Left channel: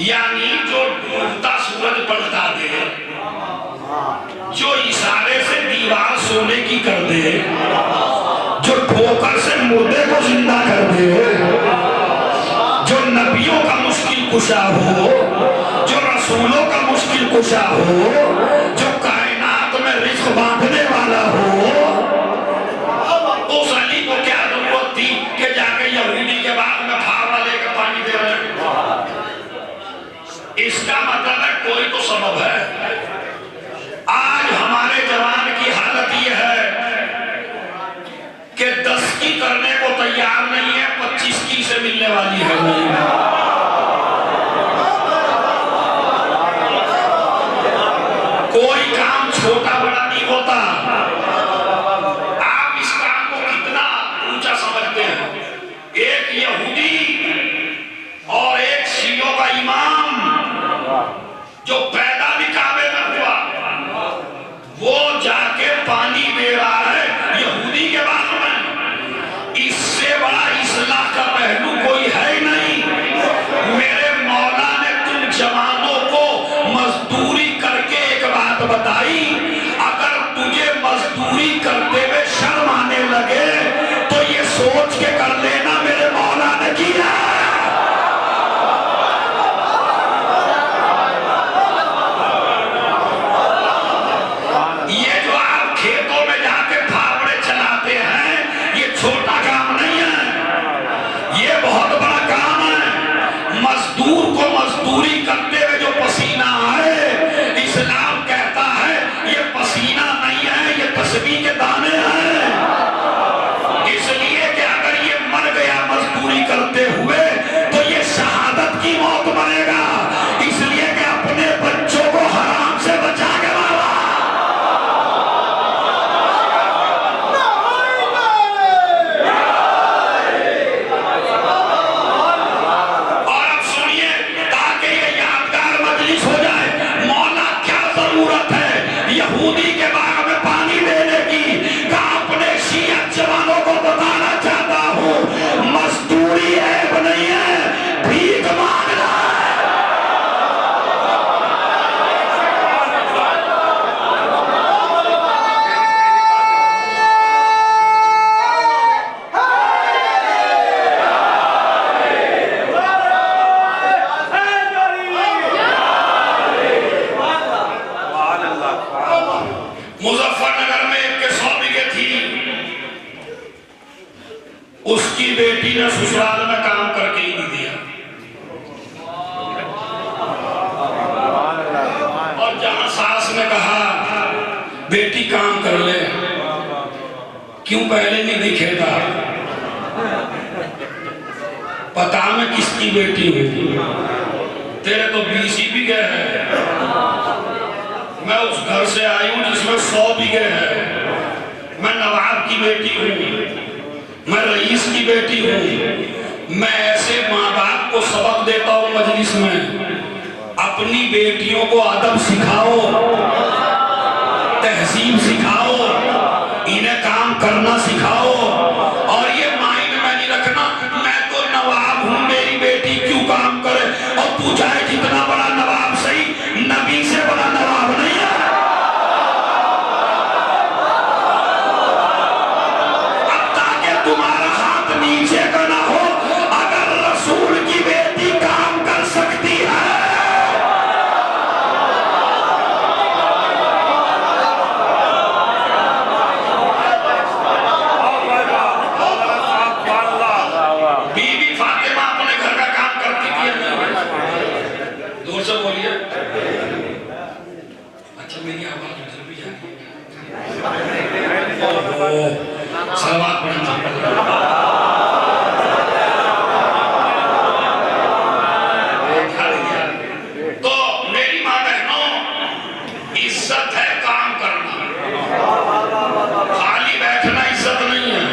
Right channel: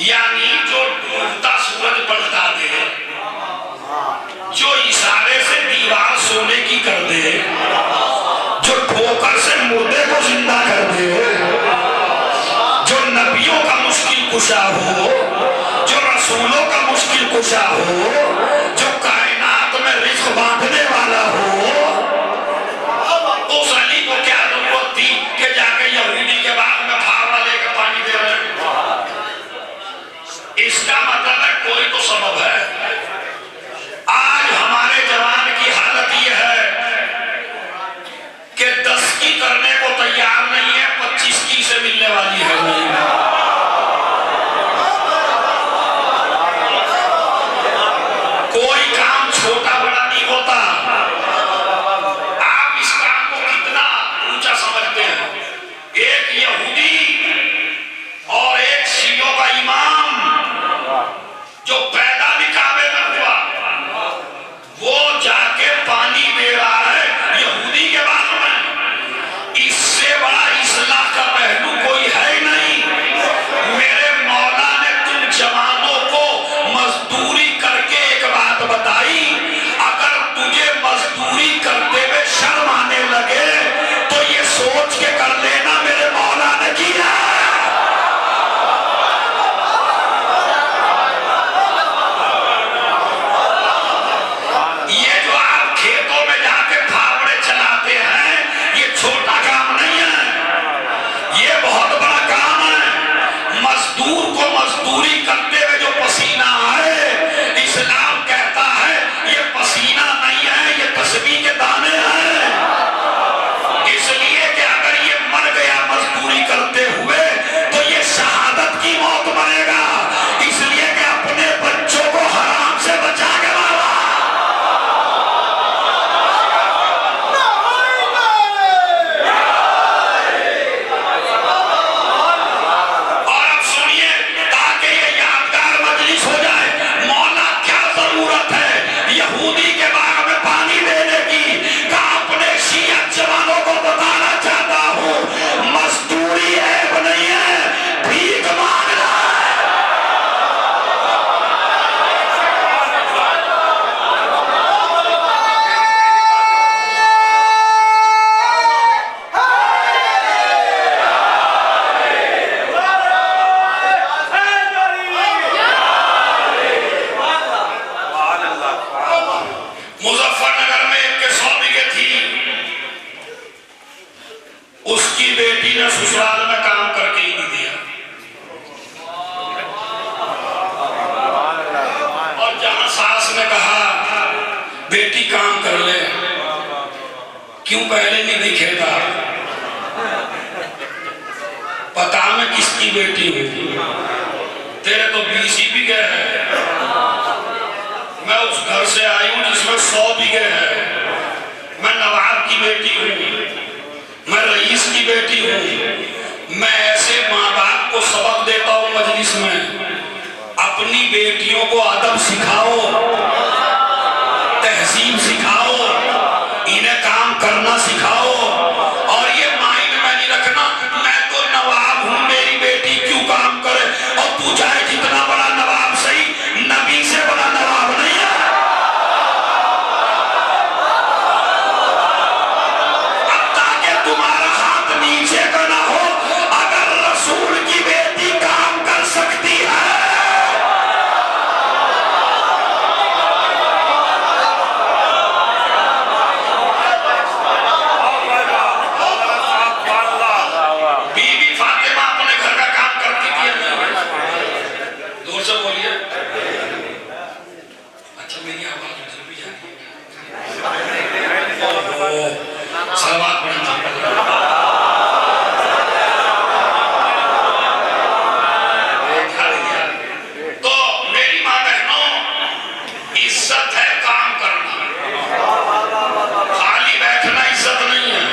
यानी जो डूबता सूरज पलटा दे, जो इशारे से दीवार सोने की कर दे, जो ठोकर से मुर्दे को जिंदा कर दे, जो नबियों का मुश्किल कुशा हो, जो रसूलों का मुश्किल कुशा हो, जो कायनात में रिज़्क़ बांटने वाला हो, उस अली को क्या जरूरत थी कि जाके यहूदी के बाग में फावड़ा लेकर पानी दे रहे? इसका मतलब है कोई तो सबब है। आज हमारे जवान की हालत यह है कि 10 की करने को तैयार नहीं है, 25 की से मिलने वाली है। कोई काम छोटा बड़ा नहीं होता। आप इस काम को कितना ऊंचा समझते हैं? एक यहूदी और एक शियों का इमाम जो पैदा भी काबे में हुआ, वो जाके पानी दे रहा है यहूदी के बाग में। इससे बड़ा इस्लाह का पहलू कोई है नहीं। मेरे मौला ने तुम जवानों को मजदूरी करके एक बात बताई, अगर तुझे मजदूरी करते हुए शर्म आने लगे तो ये सोच के कर लेना मेरे मौला ने किया। ये जो आप खेतों में जाके फावड़े चलाते हैं, ये छोटा काम नहीं है, ये बहुत बड़ा काम है। मजदूर को मजदूरी करते हुए जो पसीना आए, इस्लाम कहता है ये पसीना नहीं है, ये तस्बीह के दाने हैं। इसलिए कि अगर ये मर गया मजदूरी करते हुए तो ये शहादत की मौत मरेगा। इसलिए कि अपने बच्चों को हराम से बचा के मारा। और अब सुनिए, ताकि ये यादगार मजलिस हो जाए, मौला क्या जरूरत है यहूदी के बाग में पानी देने की? का अपने शिया जवानों को बताना चाहता हूँ, मजदूरी ऐब नहीं है, भीख मांगना है। मुजफ्फरनगर में एक के 100 बीघे थी, उसकी बेटी ने ससुराल में काम करके ही नहीं दिया। और जहां सास ने कहा बेटी काम कर ले, क्यों पहले नहीं दिखेगा? पता में किसकी बेटी हुई? तेरे तो 20 ही बीघे है। मैं उस घर से आई हूं जिसमें 100 बीघे है। मैं नवाब की बेटी हूँ, मैं रईस की बेटी हूँ। मैं ऐसे माँ बाप को सबक देता हूँ मजलिस में, अपनी बेटियों को अदब सिखाओ, तहजीब सिखाओ, इन्हें काम करना सिखाओ। और ये माइंड में नहीं रखना मैं तो नवाब हूँ, मेरी बेटी क्यों काम करे। और तू चाहे जितना बड़ा नवाब सही, नबी से बड़ा नवाब नहीं है। अब ताकि तुम्हारा हाथ नीचे का ना हो, अगर रसूल की बेटी काम कर सकती है, बीबी फातिमा अपने घर का काम करती थी। दूर से बोलिए। अच्छा मेरी आवाज भी जाती है। सलवात पढ़ना। तो मेरी माँ बहनों, इज्जत है काम करना, खाली बैठना इज्जत नहीं है।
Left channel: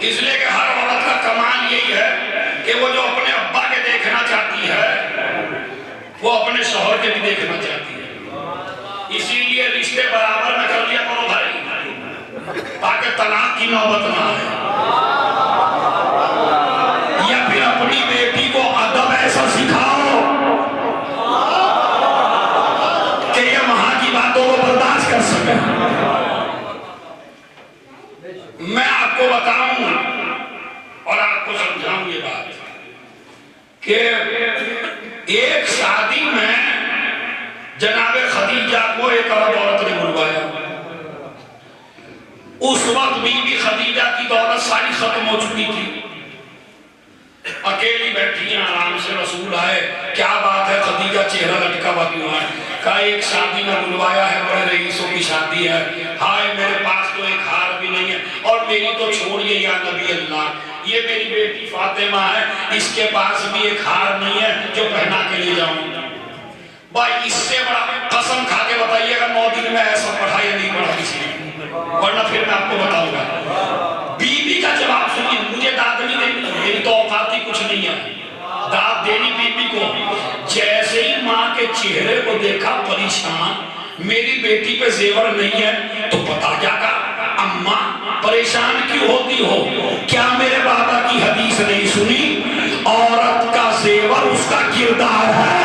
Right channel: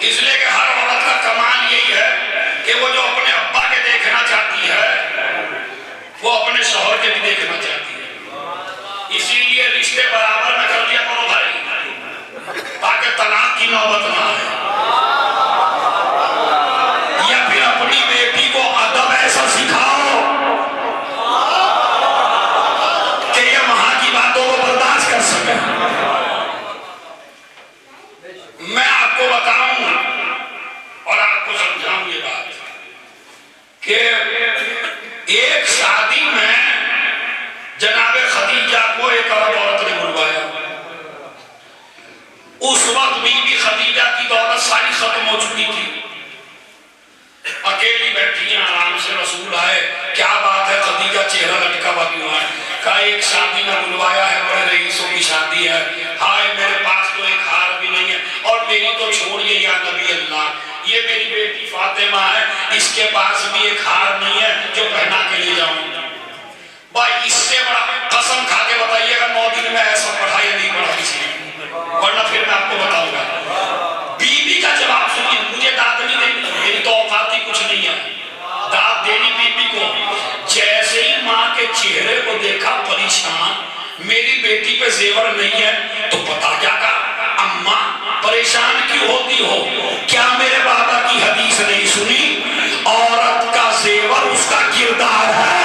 इसलिए कि हर औरत का कमाल यही है कि वो जो अपने अब्बा के देखना चाहती है, वो अपने शौहर के भी देखना चाहती है। इसीलिए रिश्ते बराबर में कर दिया करो भाई, ताकि तलाक की नौबत ना आए। या कि एक शादी में जनाबे खदीजा को एक अरब औरत ने बुलवाया। उस वक्त बीबी खदीजा की दौलत सारी खत्म हो चुकी थी, अकेली बैठी हैं आराम से। रसूल आए, क्या बात है खदीजा, चेहरा लटका हुआ क्यों है? कहा एक शादी में बुलवाया है, बड़े रईसों की शादी है। हाय मेरे पास तो एक हार भी नहीं है, और मेरी तो छोड़िए या नबी अल्लाह, ये मेरी बेटी फातिमा है, इसके पास भी एक हार नहीं है जो पहना के ले जाऊं। भाई इससे बड़ा कसम खा के बताइएगा 9 दिन में ऐसा पढ़ा या नहीं पढ़ा किसी ने, वरना फिर मैं आपको बताऊंगा। बीबी का जवाब सुनिए, मुझे दाद नहीं देनी, मेरी तो औकात ही कुछ नहीं है दाद देनी बीबी को। जैसे ही माँ के चेहरे को देखा परेशान, मेरी बेटी पे जेवर नहीं है, तो पता क्या कहा, अम्मा परेशान क्यों होती हो? क्या मेरे बाबा की हदीस नहीं सुनी, औरत का जेवर उसका किरदार है।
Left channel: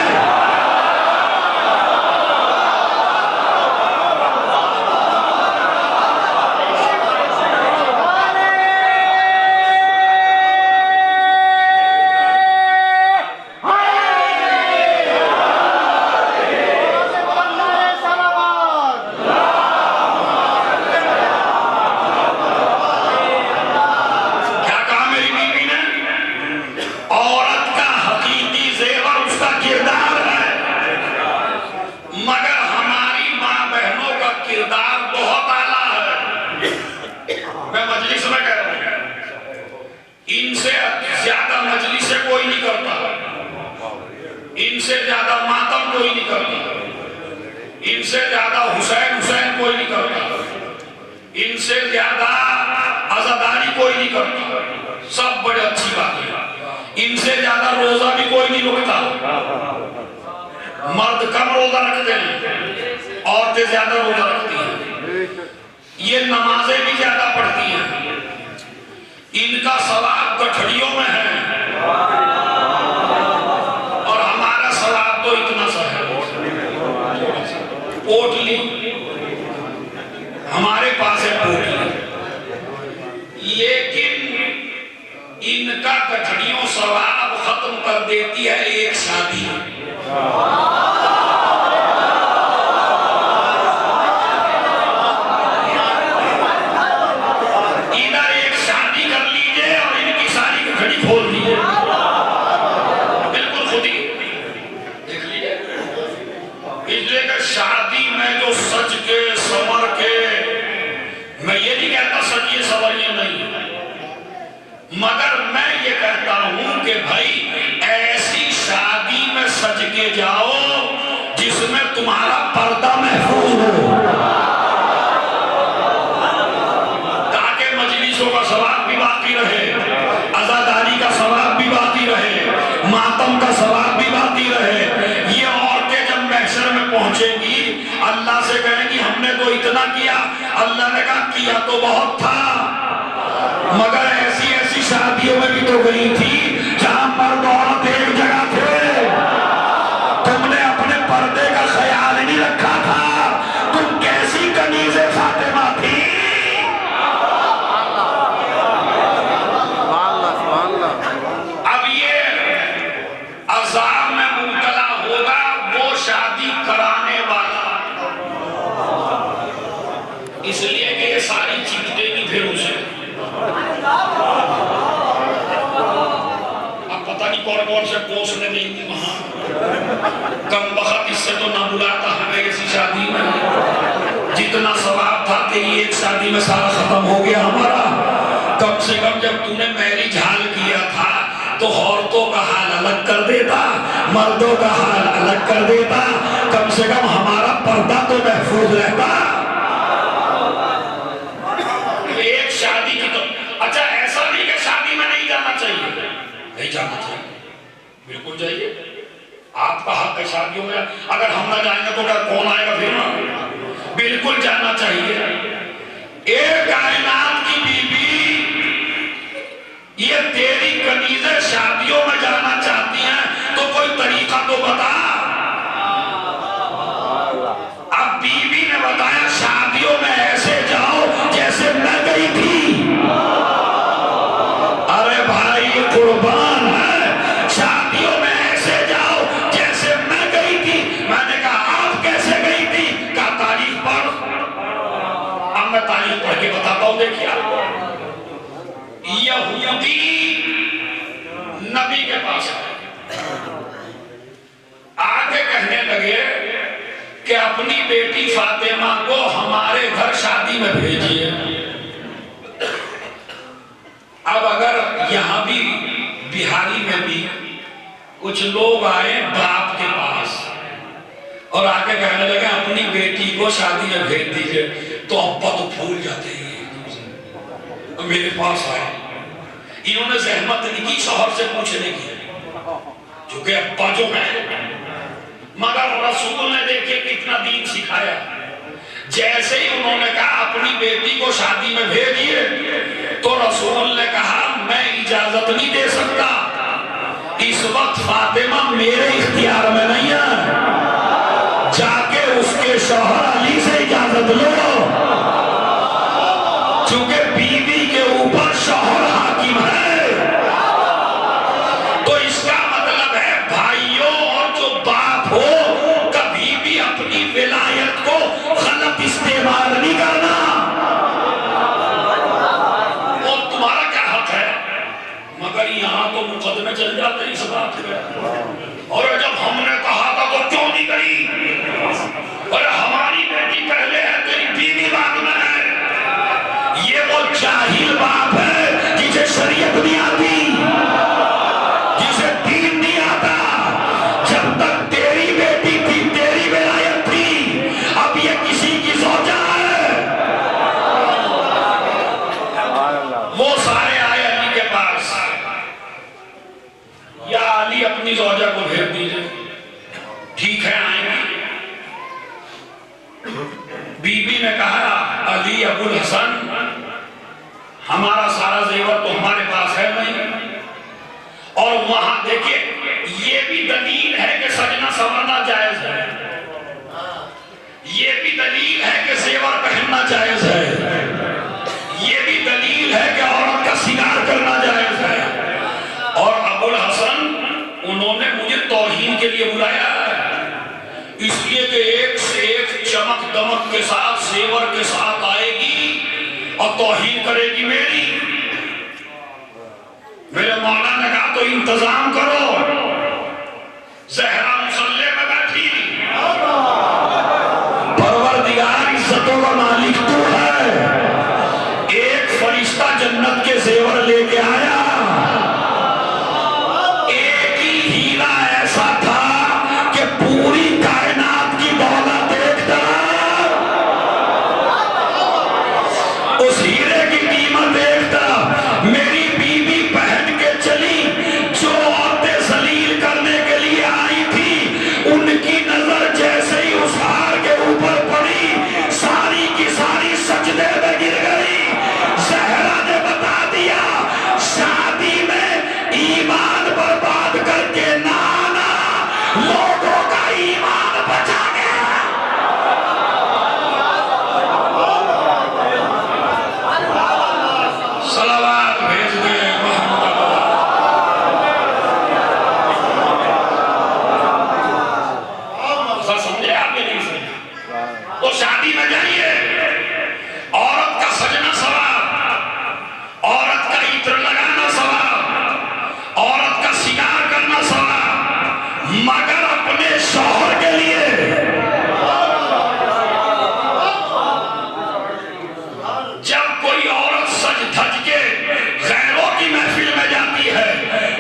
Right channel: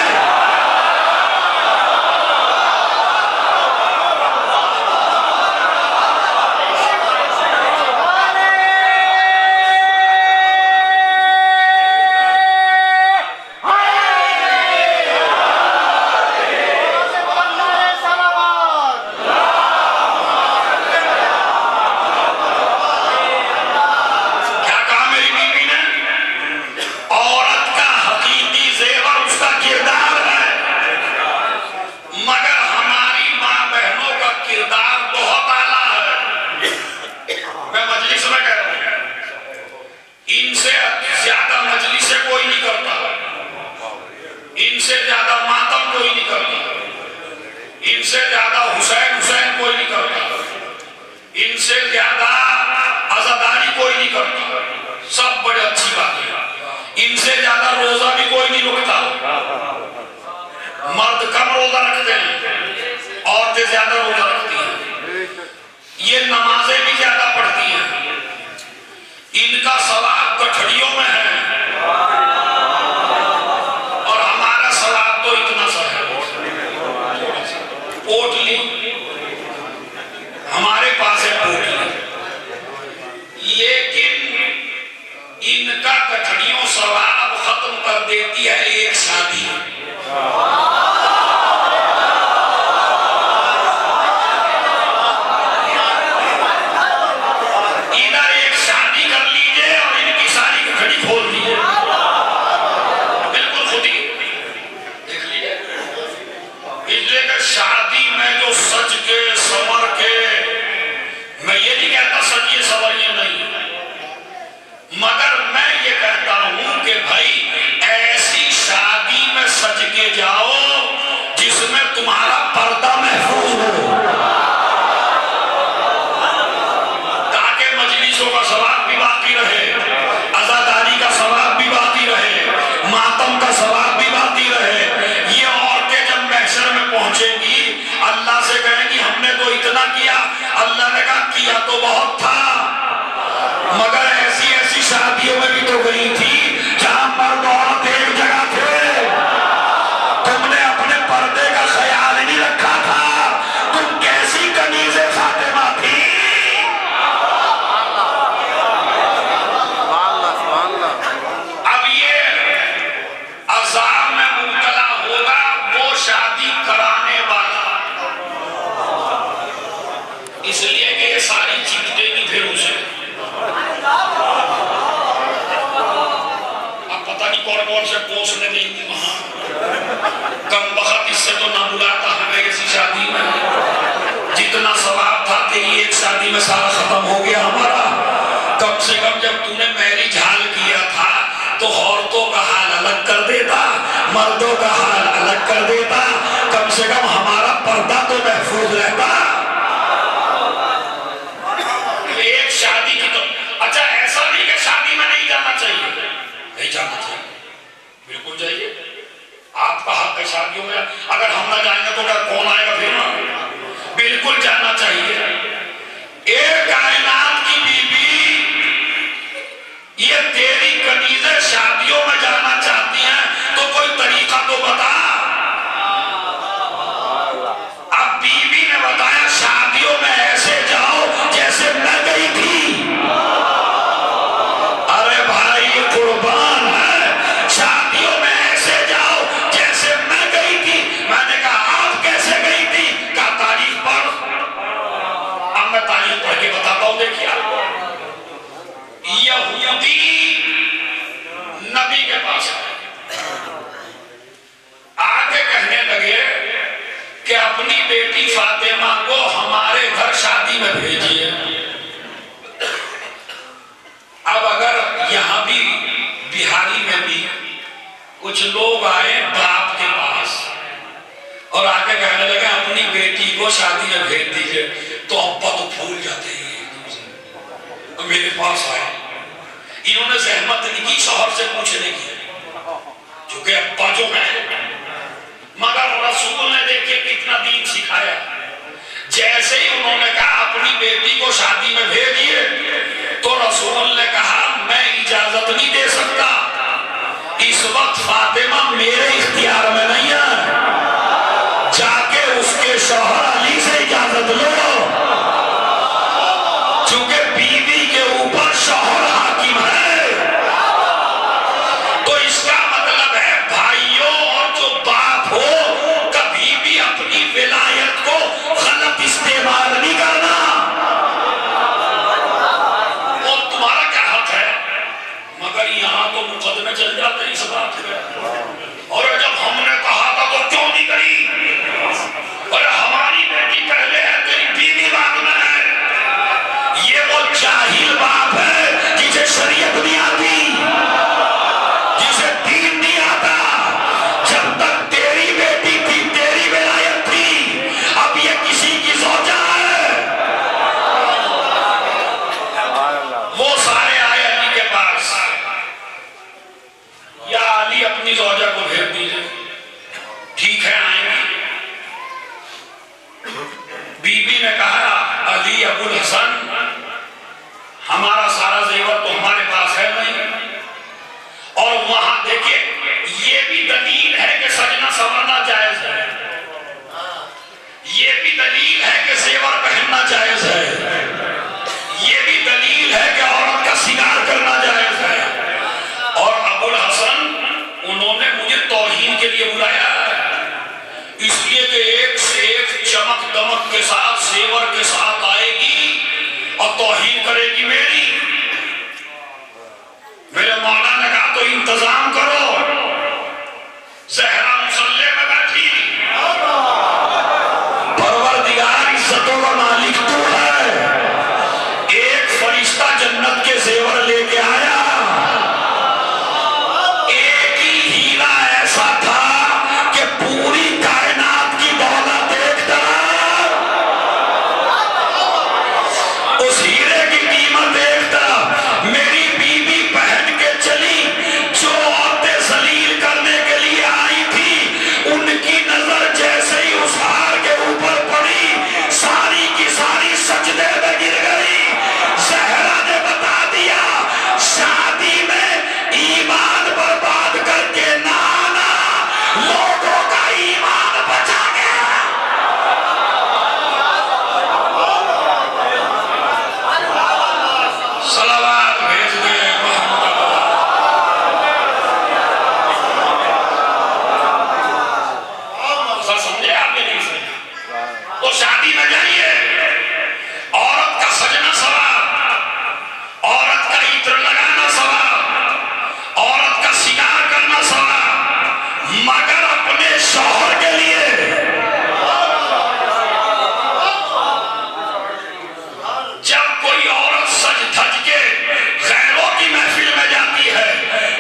इनसे ज्यादा मातम कोई नहीं करता, इनसे ज्यादा हुसैन कोई नहीं करता, इनसे ज्यादा आजादारी कोई नहीं करता, सब बड़े अच्छी बात है। इनसे ज्यादा रोजा भी कोई नहीं रोकता, मर्द कम रोजा रखते हैं, औरतें ज्यादा रोजा रखती हैं, ये नमाजें भी ज्यादा पढ़ती हैं, इनका सवाब गठड़ियों में है और हमारा सवाब तो इतना सा है, पोटली हमारे पास है पोटली, लेकिन इनका गठड़ियों सवाब खत्म कर देती है एक शादी। शादी में जो सज के संवर के, मैं ये नहीं कहता सजिए संवरिए नहीं, मगर मैं ये कहता हूं कि भाई ऐसी शादी में सज के जाओ जिसमें तुम्हारा पर्दा महफूज हो, ताकि मजलिसों का सवाब भी बाकी रहे, आजादारी का सवाब भी बाकी रहे, मातम का सवाब भी बाकी रहे। ये औरतें जब महशर में पहुंचेंगी अल्लाह से कहेंगी हमने तो इतना किया, अल्लाह ने कहा किया तो बहुत था, मगर ऐसी ऐसी शादियों में भी तो गई थी जहां मर्द औरत एक जगह थे, तुमने अपने पर्दे का ख्याल नहीं रखा था, तुम कैसी कनीज़े फातिमा थी। अब ये अज़ाब में मुब्तला होगा वो शादी कराने वाला, इसलिए कि ये सारी चिपटेगी फिर उसे। अब पता नहीं कौन कौन से पोषण देंगी वहां, कम वक्त इससे तो ना बुलाता हमें ऐसी शादी में, जितना सवाब था तेरी एक शादी में सारा खत्म हो गया हमारा। कम से कम जब तूने मैरिज हाल किया था तो औरतों का हाल अलग कर देता, मर्दों का हाल अलग कर देता, कम से कम हमारा पर्दा तो महफूज रहता। एक शादी की तो अच्छा ऐसा नहीं कि शादी में नहीं जाना चाहिए, नहीं जाना चाहिए, बिल्कुल जाइए, आपका हक है शादियों में। अगर हम ना जाएंगे तो क्या कौन आएगा फिर? बिल्कुल जाना चाहिए। एक कायनात की बीबी ये तेरी कनीज़ें शादियों में जाना चाहती हैं तो कोई तरीका तो बता। अब बीबी ने बताया शादियों में ऐसे जाओ जैसे मैं गई थी। अरे भाई ये कुर्बान है, शादियों देखिए यहूदी नबी के पास आके कहने लगे कि अपनी बेटी फातिमा को हमारे घर शादी में भेजिए। अब अगर यहां भी बिहारी में भी कुछ लोग आए बाप के पास और आके कहने लगे अपनी बेटी को शादी में भेज दीजिए, तो अब्बा तो फूल जाते हैं। मेरे पास आए, इन्होंने जहमत नहीं की शौहर से पूछने की, क्योंकि अब्बा जो है, मगर रसूल ने देखिए कितना दीन सिखाया। जैसे ही उन्होंने कहा अपनी बेटी को शादी में भेजिए, तो रसूल ने कहा मैं इजाजत नहीं दे सकता, इस वक्त फातिमा मेरे इख्तियार में नहीं है, जाके उसके शौहर अली से इजाजत लो, क्योंकि बीवी के ऊपर शौहर हाकिम है। तो इसका मतलब है भाइयों और जो बाप हो, कभी भी अपनी विलायत को गलत इस्तेमाल नहीं करना। और तुम्हारा क्या हक है, मगर यहाँ तो मुकदमे चल जाते इस बात पे। और जब हमने कहा था तो क्यों नहीं गई, अरे हमारी बेटी पहले है, तेरी बीवी बाद में है। ये वो जाहिल बाप है जिसे शरीयत नहीं आती, जिसे दीन नहीं आता। जब तक तेरी बेटी थी, तेरी विलायत थी, अब ये किसी की सौजा है। वो सारे आए अली के पास, या अली अपनी सौजा को भेज दीजिए। ठीक है आएंगे। बीबी ने कहा अली अबुल हसन, हमारा सारा जेवर तो हमारे पास है नहीं, और वहां देखिए ये भी दलील है कि सजना संवरना जायज है, ये भी दलील है कि जेवर पहनना जायज है, ये भी दलील है कि औरत का श्रृंगार करना जायज है। और अबुल हसन उन्होंने मुझे तौहीन के लिए बुलाया है, इसलिए कि एक से एक चमक दमक के साथ सेवर के साथ आएगी और तौहीन करेगी मेरी। मेरे मौला ने कहा तो इंतजाम करो। ज़हरा मुसल्ले में बैठी, परवरदिगार इज्जतों का मालिक तू है। एक फरिश्ता जन्नत के जेवर लेके आया, एक ही हीरा ऐसा था कि पूरी कायनात की दौलत एक तरफ, उस हीरे की कीमत एक तरफ। मेरी बीवी पहन के चली, जो औरतें जलील करने के लिए आई थी, उनकी नजर जैसे ही उस हार के ऊपर पड़ी, सारी की सारी सजदे में गिर गई। ज़हरा ने बता दिया शादी में ईमान बर्बाद करके ना आना, लोगों का ईमान बचा गया। सलावत भेज दे मोहम्मद। समझे आप ये नहीं समझे? तो शादी में जाइए, औरत का सजना सवाब, औरत का इत्र लगाना सवाब, औरत का श्रृंगार करना सवाब, मगर अपने शौहर के लिए। जब कोई औरत सज धज के गैरों की महफिल में जाती है,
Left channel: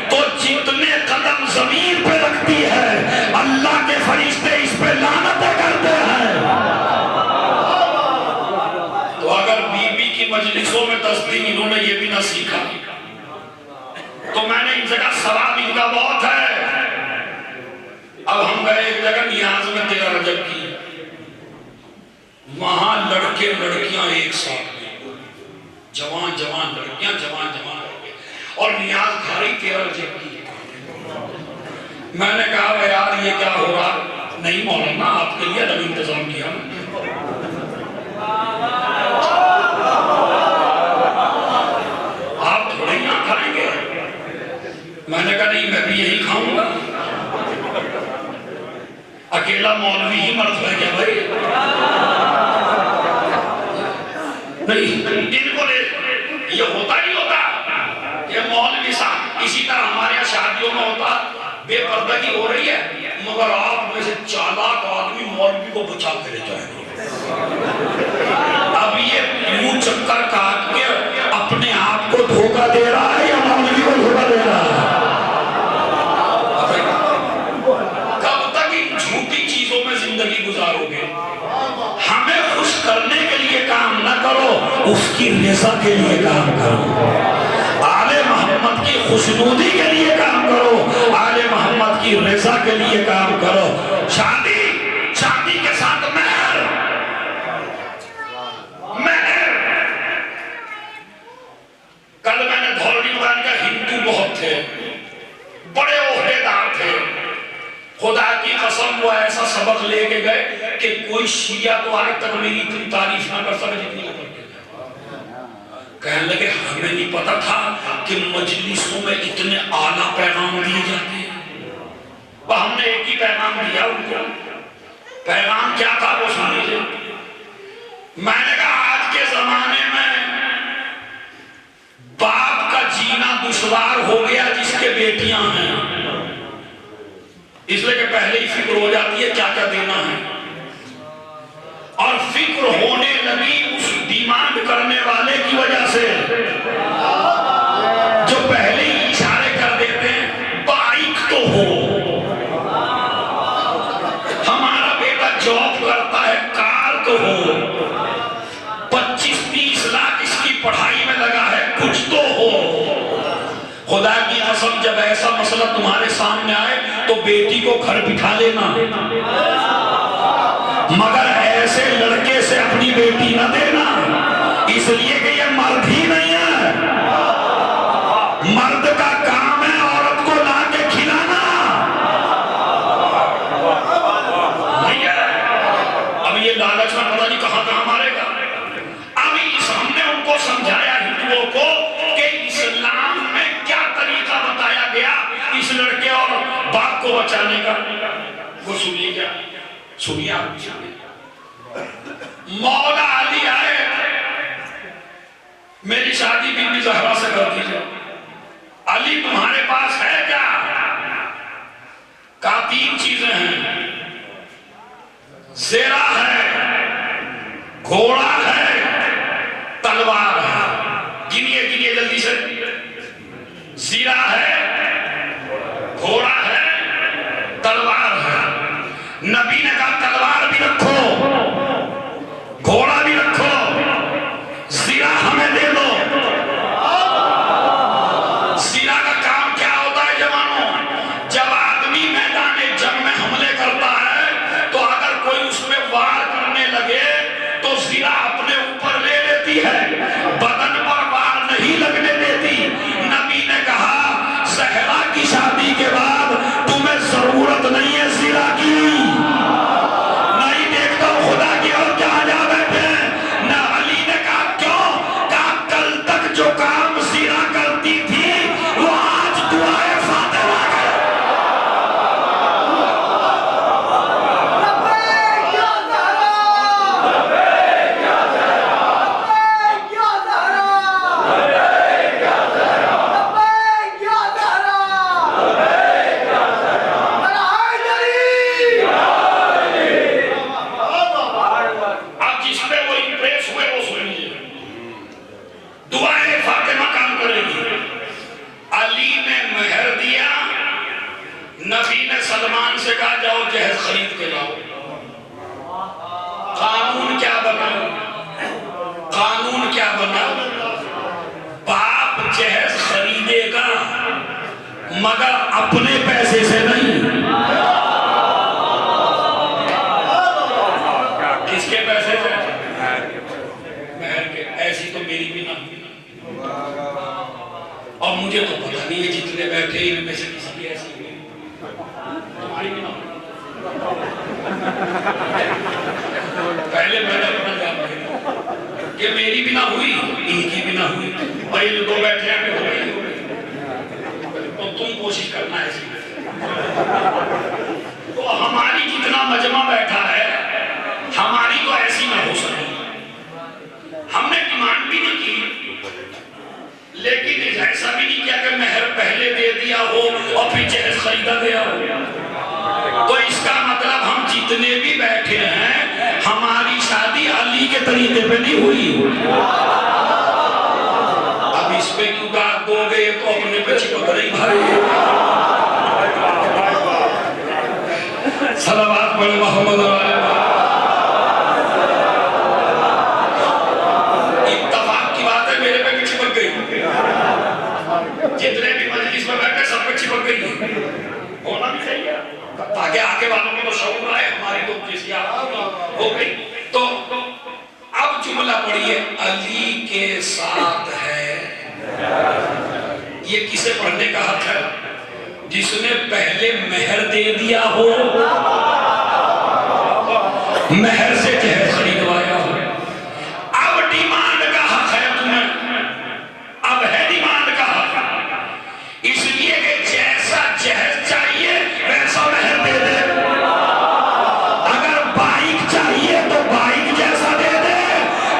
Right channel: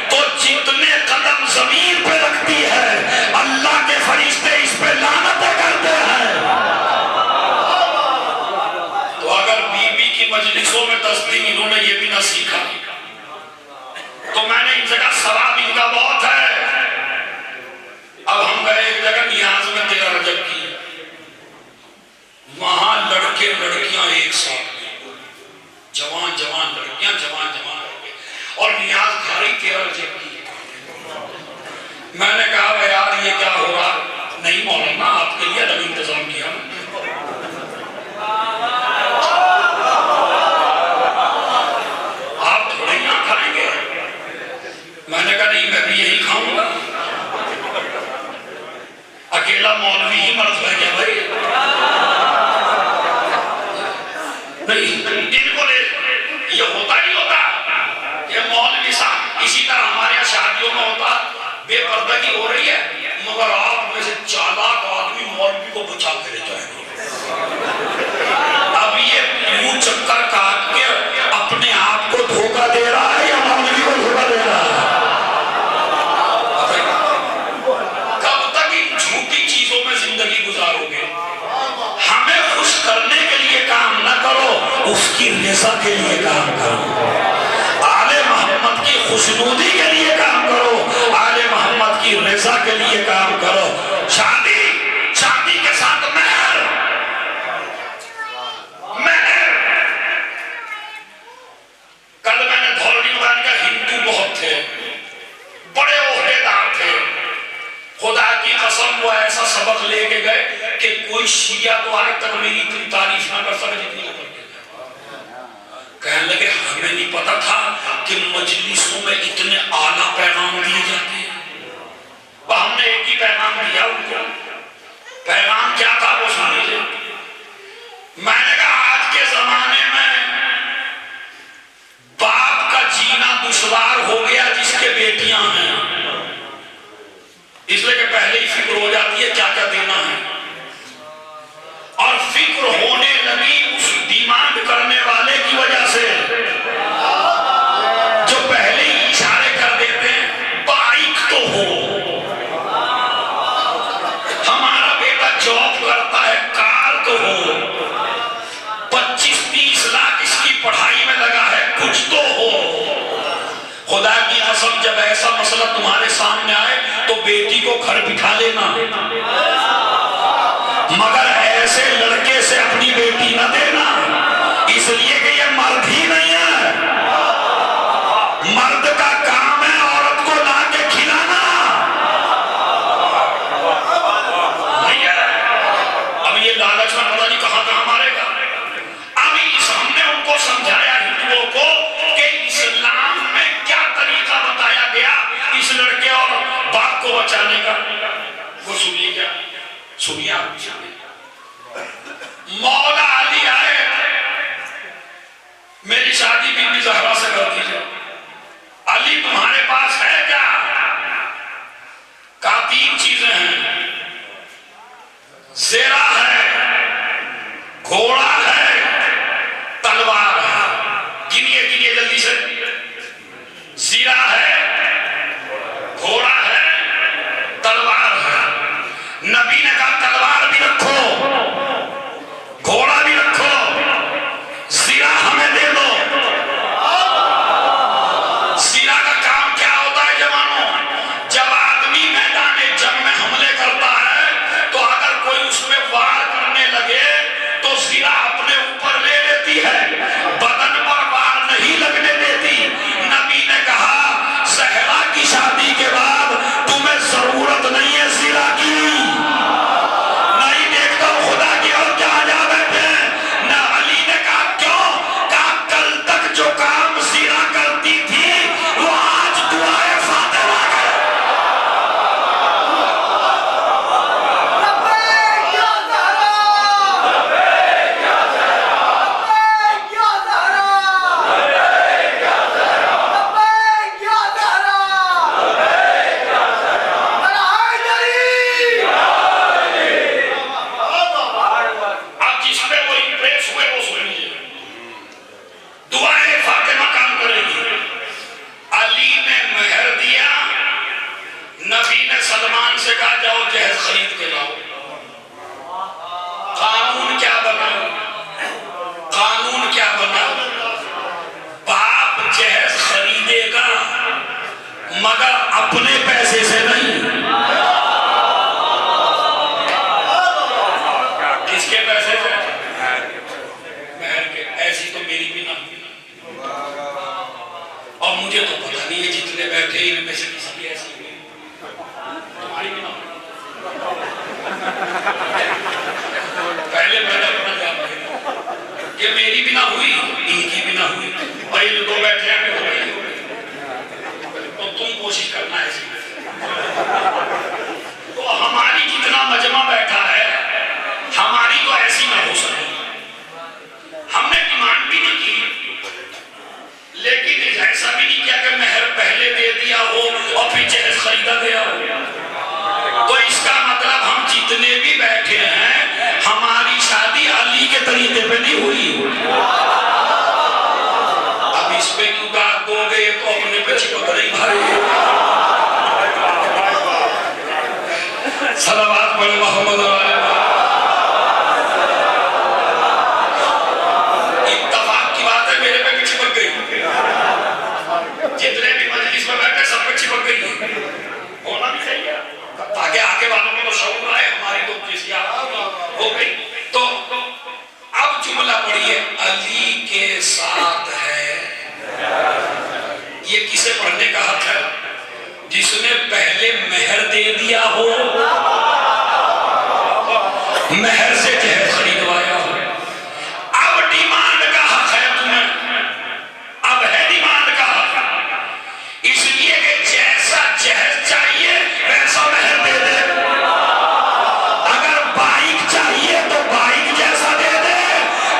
तो जितने कदम जमीन पे रखती है, अल्लाह के फरिश्ते इस पे लानतें करते हैं। तो अगर बीबी की मजलिसों में 10 दिन इन्होंने ये भी ना सीखा, तो मैंने इन जगह सवाब इनका बहुत है। अब हम गए एक जगह नियाज में 13 रजब की, वहां लड़के लड़कियां एक साथ, जवान जवान लड़कियां, जवान जवान लड़के, और नियाज खारी 13 रजब की। मैंने कहा यार ये क्या हो रहा? नहीं मौलाना, आपके लिए अलग इंतजाम किया। आप थोड़े ना खाएंगे? मैंने कहा नहीं, मैं भी यही खाऊंगा। अकेला मौलवी ही मर्द है क्या भाई? नहीं, इनको ले ये होता नहीं होता, ये मौलवी साहब। इसी तरह हमारे यहाँ शादियों में होता, बेपर्दगी हो रही है मगर आप में से चालाक आदमी मौलवी को बचा के ले जाएंगे। अब ये यूं चक्कर काट के अपने आप को धोखा दे रहा है या मौलवी को धोखा दे रहा है? कब तक इन झूठी चीजों में जिंदगी गुजारोगे? हमें खुश करने के लिए काम न करो, उसकी रज़ा के लिए काम करो। आले मोहम्मद की खुशनूदी के लिए काम करो, आले मोहम्मद की रज़ा के लिए काम करो। शादी के साथ मेहर, कल मैंने धौलनी वाली का हिंदू बहुत थे, बड़े ओहदेदार थे, खुदा की कसम वो ऐसा सबक लेके गए कि कोई शिया तो आज तक मेरी इतनी तारीफ ना कर सके जितनी वो करते थे। कहने लगे हमें नहीं पता था कि मजलिसों में इतने आला पैगाम दिए जाते हैं। हमने एक ही पैगाम दिया उनको। पैगाम क्या था वो सुन लीजिए। मैंने कहा आज के जमाने में बाप का जीना दुश्वार हो गया जिसके बेटियां हैं, इसलिए कि पहले ही फिक्र हो जाती है क्या क्या देना है, और फिक्र होने लगी उस डिमांड करने वाले की वजह से जो पहले ही इशारे कर देते हैं बाइक तो हो, हमारा बेटा जॉब करता है, कार तो हो, 25-30 लाख इसकी पढ़ाई में लगा है, कुछ तो हो। खुदा की कसम जब ऐसा मसला तुम्हारे सामने आए तो बेटी को घर बिठा लेना, मगर ऐसे लड़के से अपनी बेटी न देना, इसलिए कि ये मर्द ही नहीं है। मर्द का काम है औरत को ला के खिलाना, नहीं है। अब ये लालच में पता नहीं कहां कहां मारेगा। अभी हमने उनको समझाया हिंदुओं को कि इस्लाम में क्या तरीका बताया गया इस लड़के और बाप को बचाने का, वो सुनिए। क्या सुनिए आप? मौला अली आए, मेरी शादी बीबी ज़हरा से कर दीजिए। अली तुम्हारे पास है क्या? कहा 3 चीजें हैं, ज़ेरा है, घोड़ा है, तलवार है। गिनिए गिनिए जल्दी से। ज़ेरा है, घोड़ा है, तलवार है। नबी ने कहा तलवार भी रखो, घोड़ा भी रखो, ज़ेरा हमें दे दो। ज़ेरा का काम क्या होता है जवानों? जब आदमी मैदान जंग में हमले करता है तो अगर कोई उसमें वार करने लगे तो ज़ेरा अपने ऊपर ले लेती है, बदन पर वार नहीं लगने देती। नबी ने कहा ज़हरा की शादी के बाद तुम्हें जरूरत नहीं है ज़ेरा की। नहीं देखता खुदा की और क्या जा बैठे ना। अली ने कहा क्यों? कहा कल तक जो काम ज़ेरा करती थी वो आज दुआए फातिमा करे। अब जिस पे वो इंप्रेस हुए वो सुन लीजिए। दुआए फातिमा काम करेगी। अली ने मेहर दिया, नबी ने सलमान से कहा जाओ जहेज खरीद के लाओ। कानून क्या बना? कानून क्या बना? बाप जहेज खरीदेगा मगर अपने पैसे से नहीं। किसके पैसे से? महर के। ऐसी तो मेरी भी ना हुई, और मुझे तो पता नहीं है जितने बैठे इनमें से किसी की ऐसी हुई, तुम्हारी भी ना हुई। पहले मैंने अपना जान कि मेरी भी ना हुई, इनकी भी ना हुई, भाई दो बैठे हैं हो गई। तो तुम कोशिश करना ऐसी। तो हमारी जितना मजमा बैठा है हमारी तो ऐसी ना हो सके। हमने डिमांड भी नहीं की, दिया हो और फिर जहेज खरीदा गया हो। तो इसका मतलब हम जितने भी बैठे हैं हमारी शादी अली के तरीके पे नहीं हुई। अब इस पे क्यों दाग दोगे, तो अपने पे चिपक रही भाई। सलावत पढ़े मोहम्मद। इत्तफाक की बात है, मेरे पे भी चिपक गई। जितने भी मजलिस में बैठे सब पे चिपक गई। होना भी चाहिए ताकि आगे वालों को तो शौक आए, हमारी तो किसी हो गई। तो अब जुमला पढ़िए, अली के साथ है। ये किसे पढ़ने का हक है? जिसने पहले मेहर दे दिया हो, मेहर से जहर खरीदवाया हो। अब डिमांड का हक है तुम्हें, अब है डिमांड का हक। इसलिए कि जैसा जहर चाहिए वैसा मेहर दे दे। अगर बाइक चाहिए तो बाइक जैसा दे दे,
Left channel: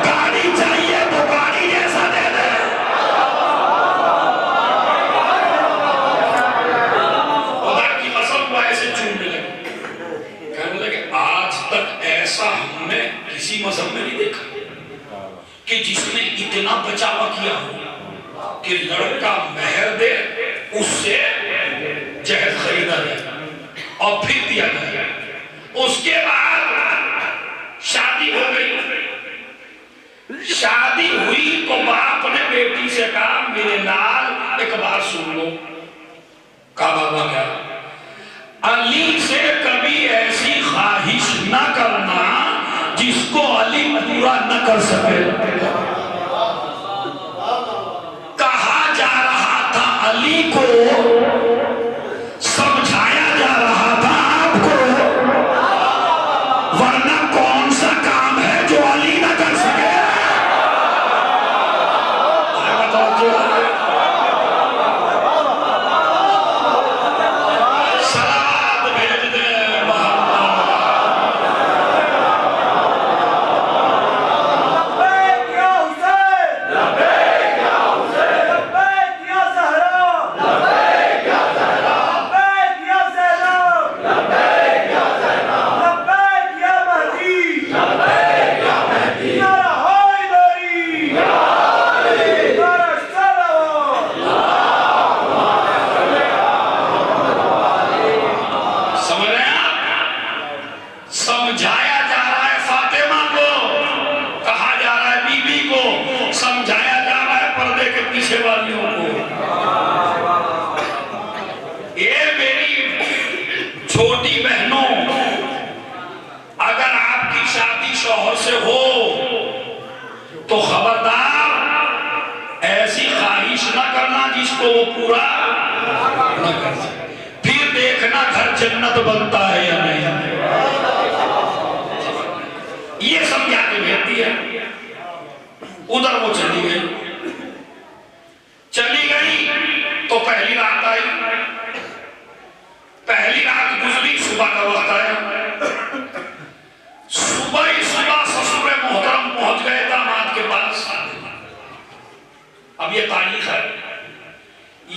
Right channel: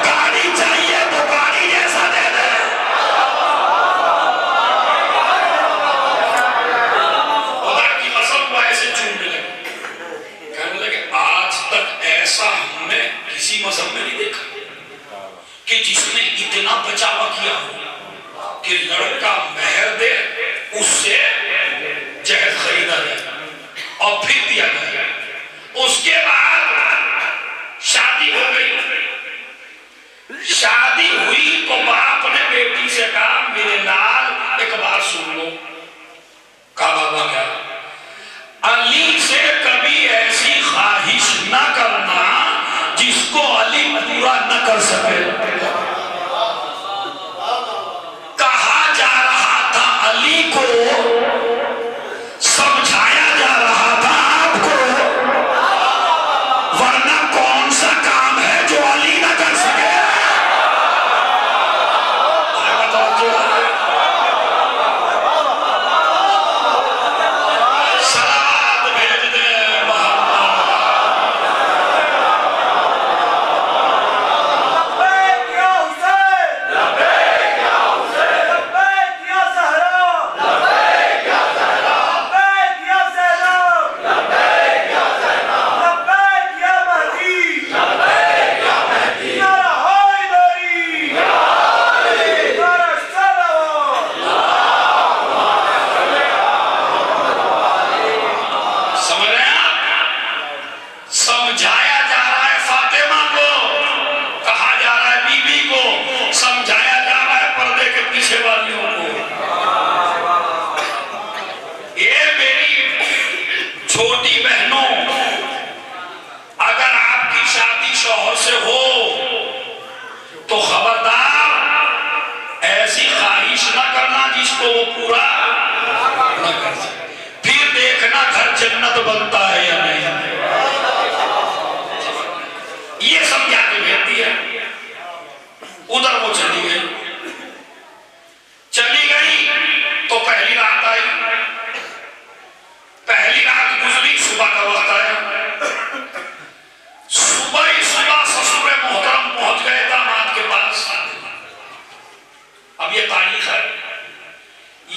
गाड़ी चाहिए तो गाड़ी जैसा दे दे। खुदा की कसम को ऐसे चूमने लगे, कहने लगे आज तक ऐसा हमने किसी मजहब में नहीं देखा कि जिसने इतना बचावा किया हो कि लड़का मेहर दे, उससे जहर खरीदा जाए और फिर दिया जाए। उसके बाद शादी हो गई। शादी हुई तो बाप ने बेटी से कहा मेरे नाल एक बार सुन लो। कहा बाबा क्या? अली से कभी ऐसी ख्वाहिश न करना जिसको अली पूरा न कर सके। कहा जा रहा था अली को, समझाया जा रहा था आपको, वरना कौन सा काम है जो अली न कर सके। सलावत भेज दे समझाया जा रहा है फातिमा को, कहा जा रहा है बीबी को, समझाया जा रहा है पर्दे के पीछे वालियों को। ये मेरी छोटी बहनों, अगर आपकी शादी शौहर से हो तो खबरदार ऐसी ख्वाहिश न करना जिसको वो पूरा न कर सके। फिर देखना घर जन्नत बनता है या नहीं। ये समझा के भेजती है। उधर वो चली गई तो पहली रात आई। पहली रात गुजरी, सुबह का वक्त आया। सुबह ही सुबह ससुर मोहतरम पहुंच गए दामाद के पास। अब ये तारीख है,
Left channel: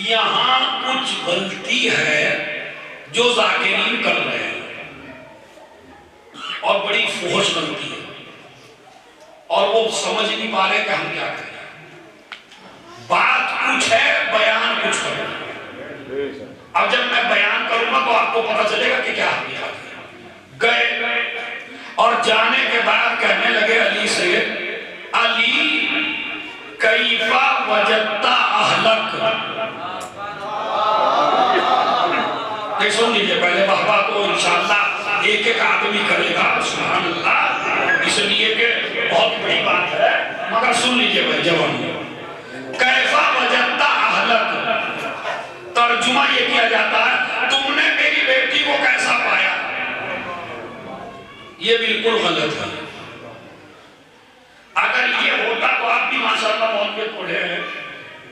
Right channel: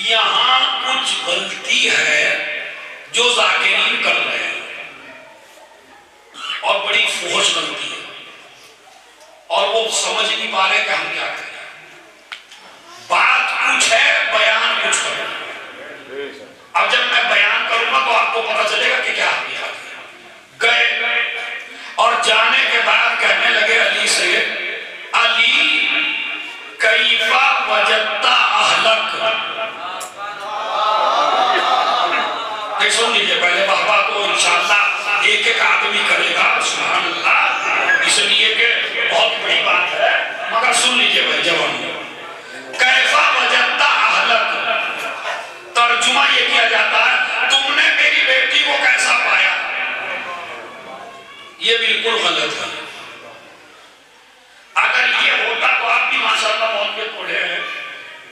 यहां कुछ गलती है जो जाकिरीन कर रहे हैं और बड़ी फुहश गलती है और वो समझ नहीं पा रहे कि हम क्या करें। बात कुछ है, बयान कुछ है। अब जब मैं बयान करूंगा तो आपको पता चलेगा कि क्या किया। गए और जाने के बाद कहने लगे अली से, अली कैफा वजद्ता अहलक। सुन लीजिए पहले, वाहवा तो इंशाअल्लाह एक एक आदमी करेगा, सुभान अल्लाह, इसलिए कि बहुत बड़ी बात है, मगर सुन लीजिए भाई जवान। कैफा वजद्ता अहलक, तर्जुमा ये किया जाता है तुमने मेरी बेटी को कैसा पाया। ये बिल्कुल गलत है। अगर ये होता तो आप भी माशाअल्लाह मौके पढ़े हैं।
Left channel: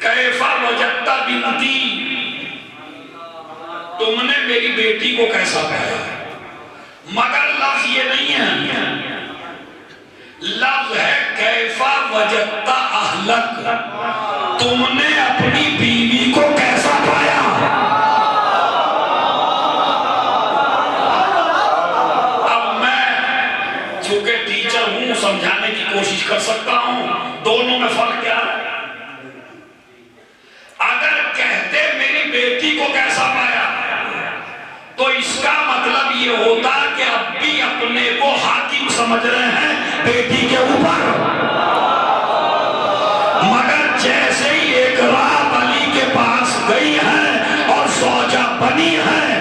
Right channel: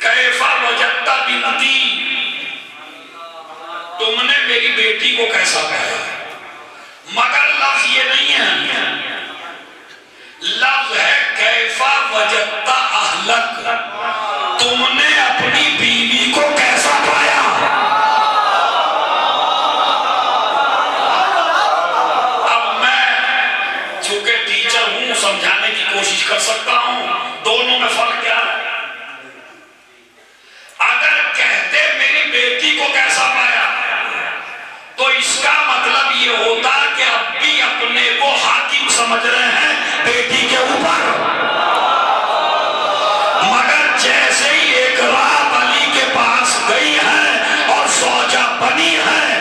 कैफा वजद्ता बिनती, तुमने मेरी बेटी को कैसा पाया। मगर लफ्ज ये नहीं है, लफ्ज है कैफा वजद्ता अहलक, तुमने अपनी बीवी को कैसा पाया। समझाने की कोशिश कर सकता हूं दोनों में फर्क क्या है। अगर कहते मेरी बेटी को कैसा पाया तो इसका मतलब ये होता कि अब भी अपने को हाकिम समझ रहे हैं बेटी के ऊपर। मगर जैसे ही एक रात अली के पास गई है और सौजा बनी है